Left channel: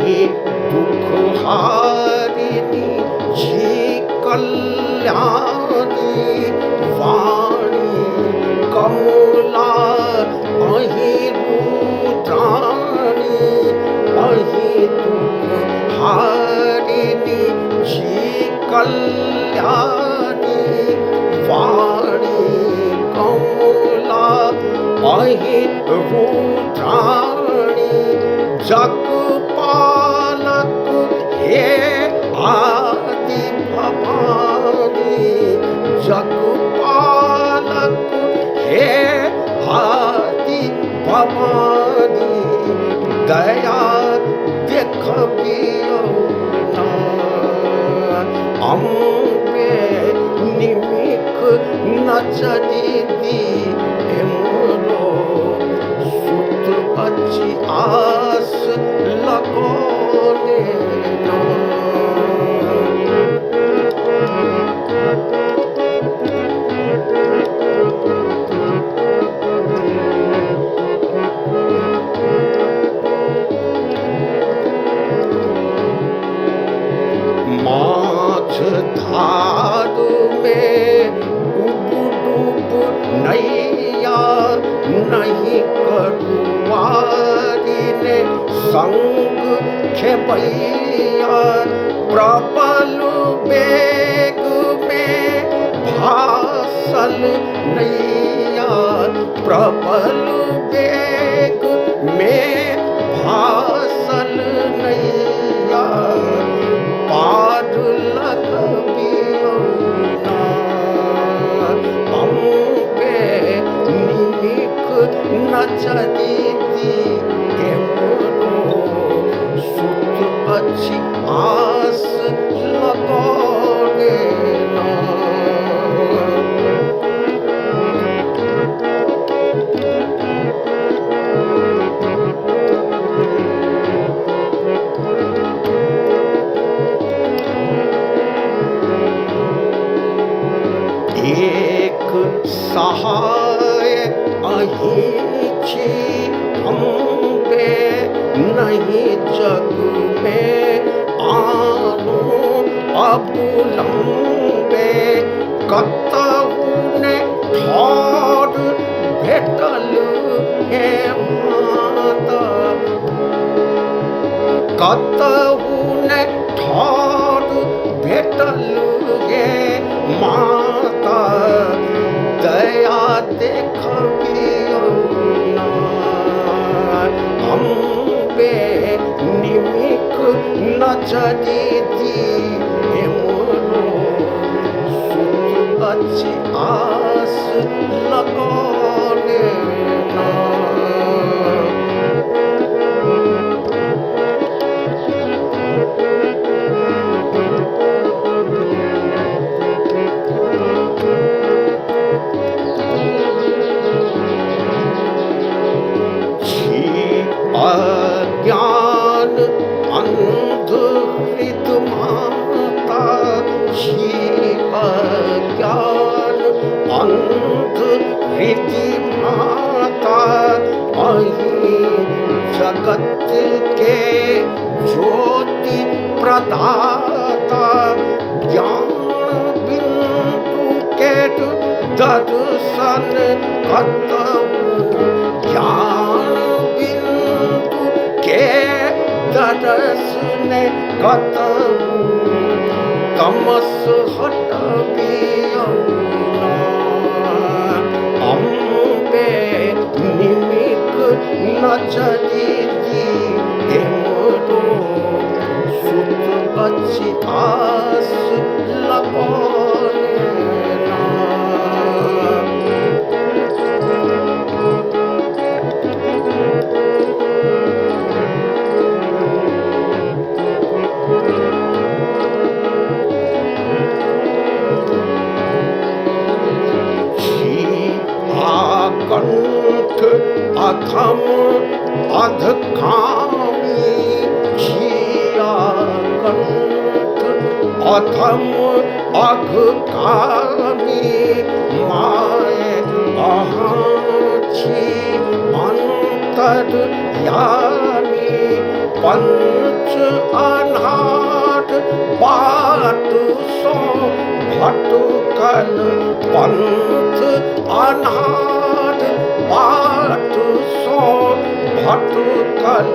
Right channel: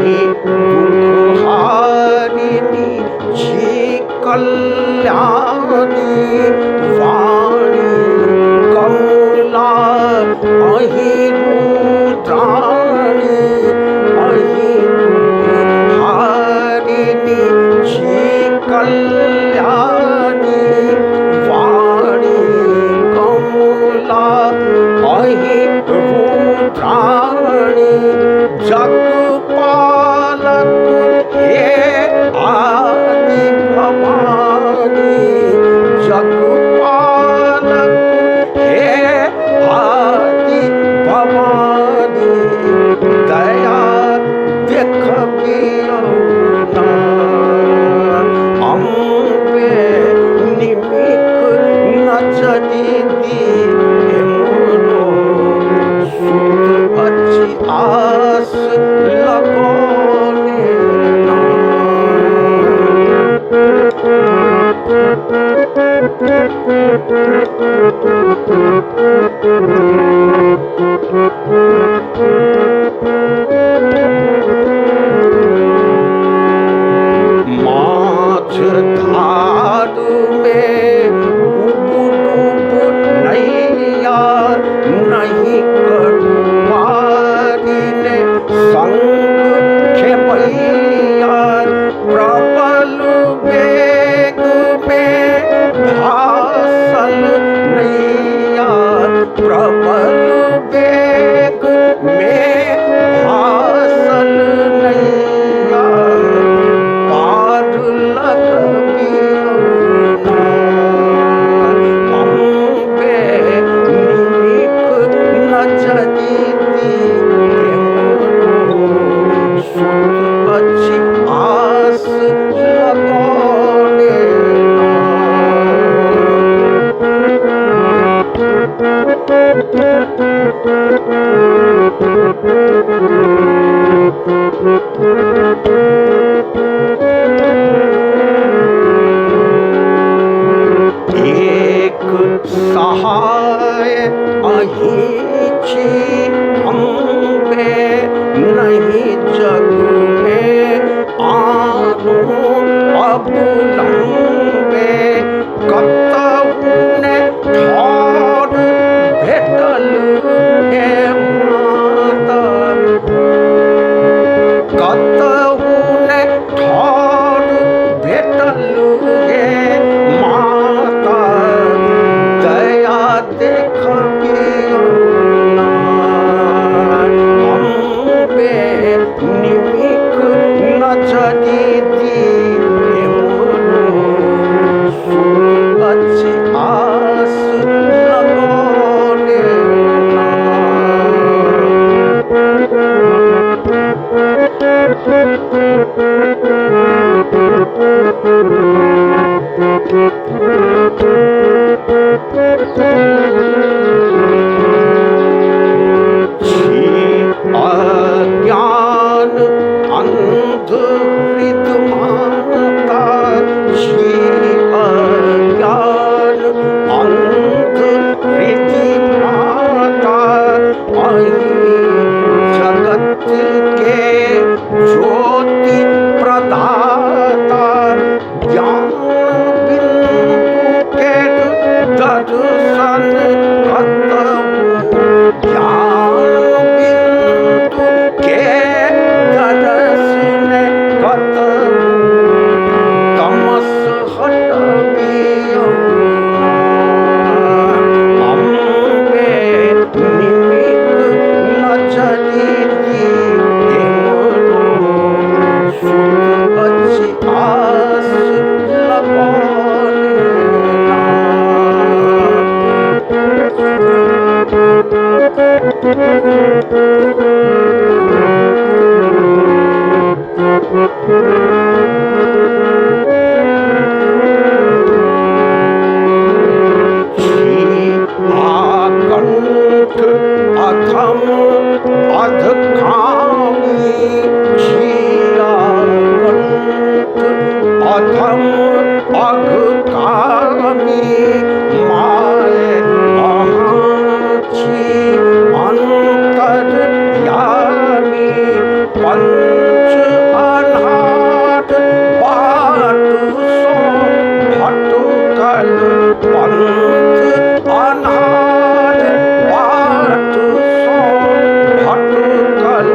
दुख हारिणी जी कल्याणी वाणी कमला अहि रुद्राणी अहि दुख हारिणी जी कल्याणी वाणी कमला अहि रुद्राणी जगपालक हे आदि भवानी जगपालक हे आदि भवानी दया देखबियो ना अम्बे निमिक नजरी दी मोरो सुत अच्छी आस लगोने ना माछ धार में उब नैया नहीं करुआरी ने संग खेपैया प्रबल बेग में भासल नैया प्रबल बेग में भासल नैया पार लगबियो ना अम्बे निमिक नजरी दी मोरो सुत अच्छी आस लगोने ना एक सहाय अहिछि अम्बे नहीं जग में आनो अबुलम्बे कतहु ने ठौर भेटल हे माता कतहु ने ठौर भेटल हे माता दया देखबियो ना अम्बे निमिक नजरी दी मोरो सुत अच्छी आस लगोने ना अज्ञान अंध हृद माता जी अज्ञान अंध हृद माता अहि जगत के ज्योति प्रदाता ज्ञान बिंदु के दर्शन कतहु ज्ञान बिंदु के दर्शन कतहु तमस हटबियो ना अम्बे निमिक नजरी दी मोरो सुत अच्छी आस लगोने ना कंठ अधम अधकामी जिया कंठ अधम अघकामी माए अहाची अंतर्यामी पंच पंथ अनाथ बाट सो भटकल